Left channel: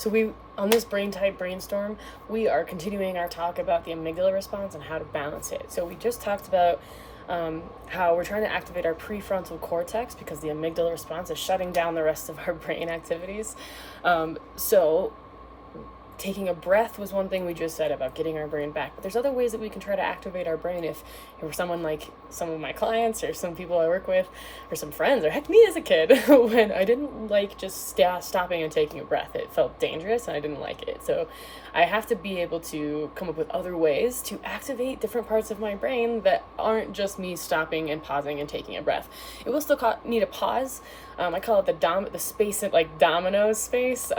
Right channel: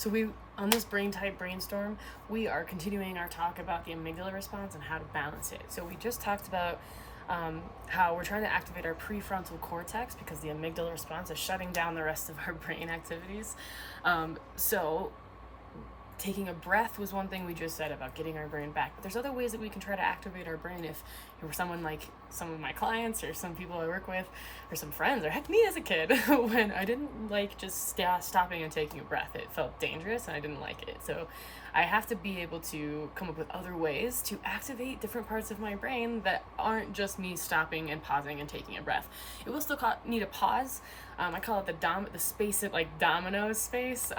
So on this brain type brainstorm, we are continuing our talk about the amygdala response and how to balance it. So we just talked about how we're trying to activate our prefrontal cortex because the amygdala response is shutting down the rest of our brain activities. So taking a breath was one thing we just said about getting our brain back, but there's other ways that we can try to activate our brain if for someone like some of my clients or some people I work with or some friends or heck me as a kid when I didn't like just stopping and taking a breath. It felt dangerous and I didn't like it. So I have to be able to come up with other ways to activate different parts of my brain that aren't just me stopping and pausing and taking a breath. It will still need a pause. I call it the space, like dominoes space.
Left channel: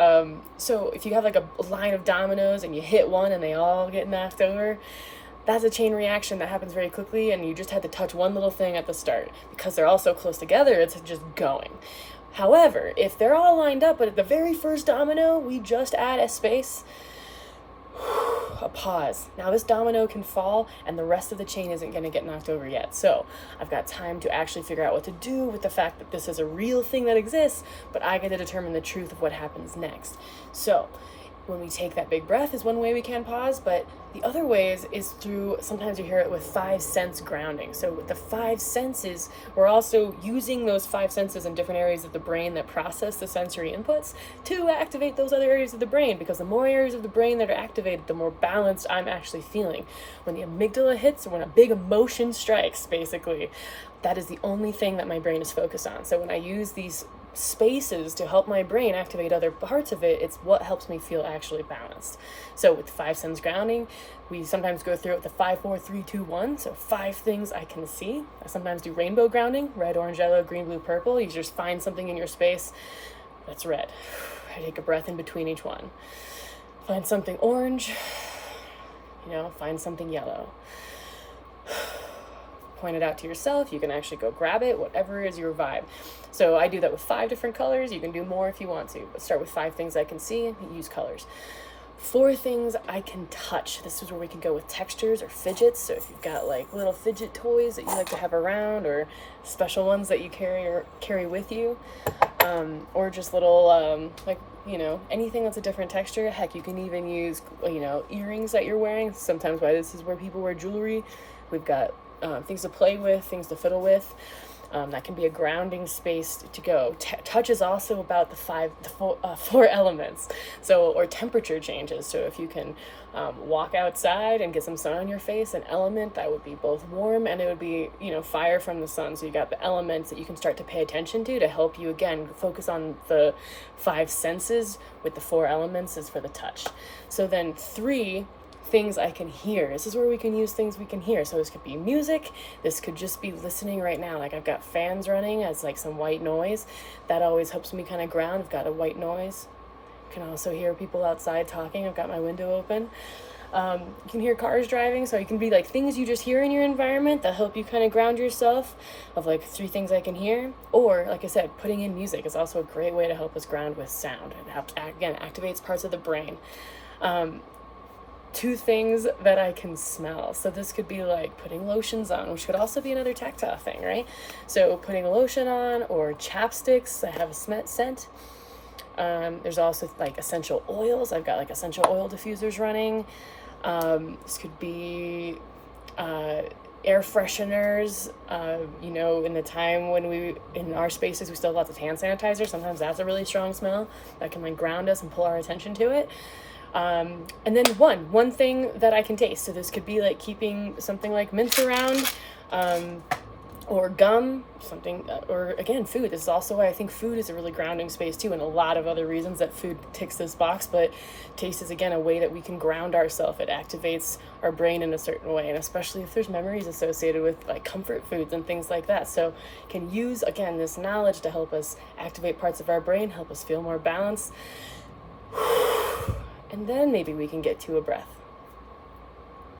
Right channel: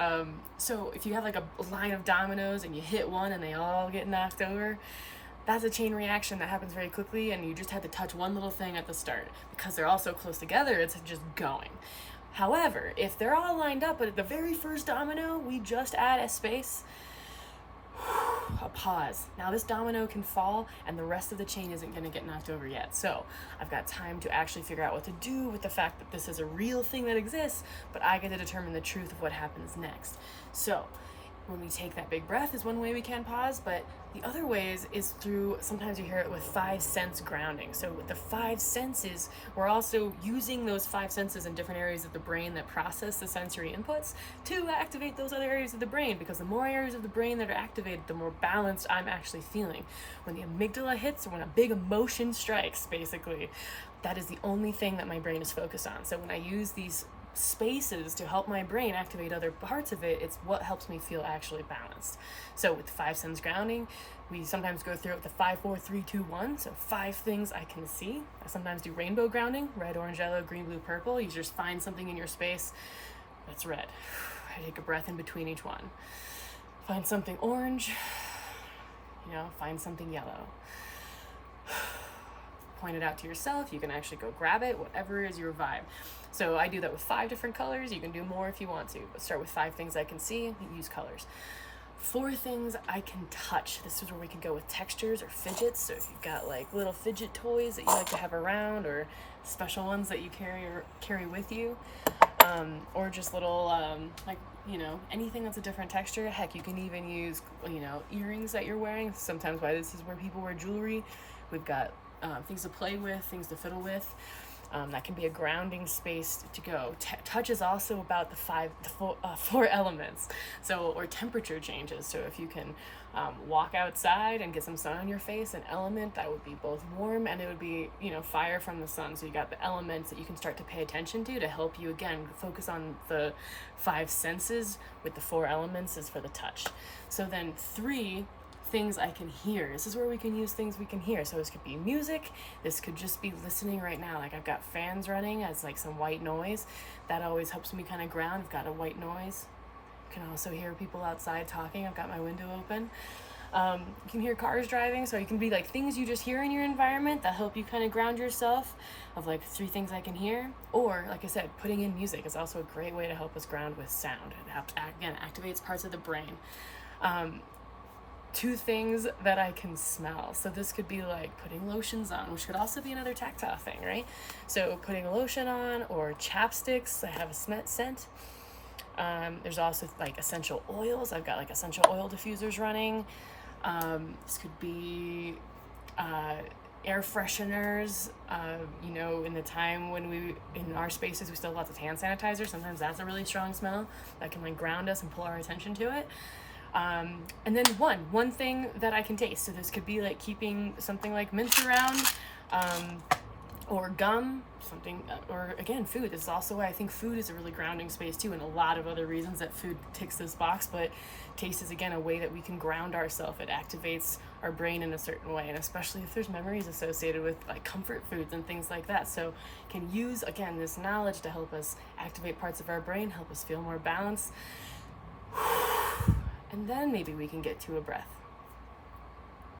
So if you have like a line of dominoes and you hit one and they all get knocked over, that's a chain reaction that happens very quickly, and you just had to touch one little thing at the start. Because they're all so close together, it's just going. However, if they're all lined up, but at the very first domino, we just add a space, a pause. Now this domino can fall and the rest of the chain isn't going to get knocked over yet. So I've got time to actually figure out what to do with the fact that this is a real thing that exists, but I get to determine the truth of what happens next. So when we take that big breath is one way we can pause, but the other ways is through, sometimes you hear it with 5 sense grounding. So with the 5 senses, we're also using those 5 senses in different areas of the brain that process the sensory inputs to activate those other areas of the brain, because the more areas of the brain that are activated, the more balanced I'm actually feeling. When the amygdala hits, or when a big emotion strikes, basically, that is the only thing that my brain is focused on. So when I use these spaces to help my brain activate other parts of it, it's what helps me feel actually balanced. So with 5 sense grounding, we sometimes go through it with the 5, 4, 3, 2, 1. So 5 things I can see. I sometimes do rainbow grounding, red, orange, yellow, green, blue, purple. You just find something in your space that's red. I take a breath in between each one. Find something orange, find something yellow. Point it out to yourself. You can actually go grab it, whatever is your vibe. So I do that with 5 different colors. You can do more if you want to, but start with 5 things I can see, use colors. 4 things I can touch. This is where we can go with textures or fidgets. So if you've got like little fidget toys that you like to have around, or special ones that you carry with you, or just little anything that's a different texture. Heck, you can even use earrings that you're wearing. Sometimes why this is where people wear jewelry. We've got things to play with, things to fiddle with. That can be a grounding space to go. Touch is also about the 4 elements, or temperature changes. So if you can walk outside and get some sun on your face, an element that would be both warm and it would be fire from the sun. So you got the elements that you can start to pay attention to help you again focus on the 5 senses, with the 4 elements is for the touch. So then 3 things I can hear. This is where we can use things we can hear. So this could be music. This could just be listening right now. Like I've got fans running as like some white noise. That always helps me kind of ground. I've got a white noise. You can also hear people outside talking. I've got my window open. You can hear cars driving. So you can be like things you just hear in your environment that help you kind of ground yourself, of like 3 things I can hear. Or like I said, putting in music is also a great way to help us ground with sound. It helps, again, activates parts of the brain. 2 things that I can smell. So this could be like putting lotions on, which could also be another tactile thing, right? So putting a lotion on, or chapsticks. I have a scent. There's also like essential oils. I've got like essential oil diffusers running. This could be air fresheners. In the time when in our spaces, we still have lots of hand sanitizer. Sometimes that's a really strong smell that can like ground us and pull our attention to it. And then one thing that I can taste. So this could be like keeping something like mints around, or gum, something, or again, food. This is also why I think food is a really grounding space too, and a lot of other reasons that food ticks this box, but taste is again a way that we can ground ourselves. It activates our brain in a certain way, and especially if there's memories associated with like comfort foods and things like that. So can use, again, this knowledge to help us activate parts of our brain, help us feel more balanced. And then maybe we can get to a breath.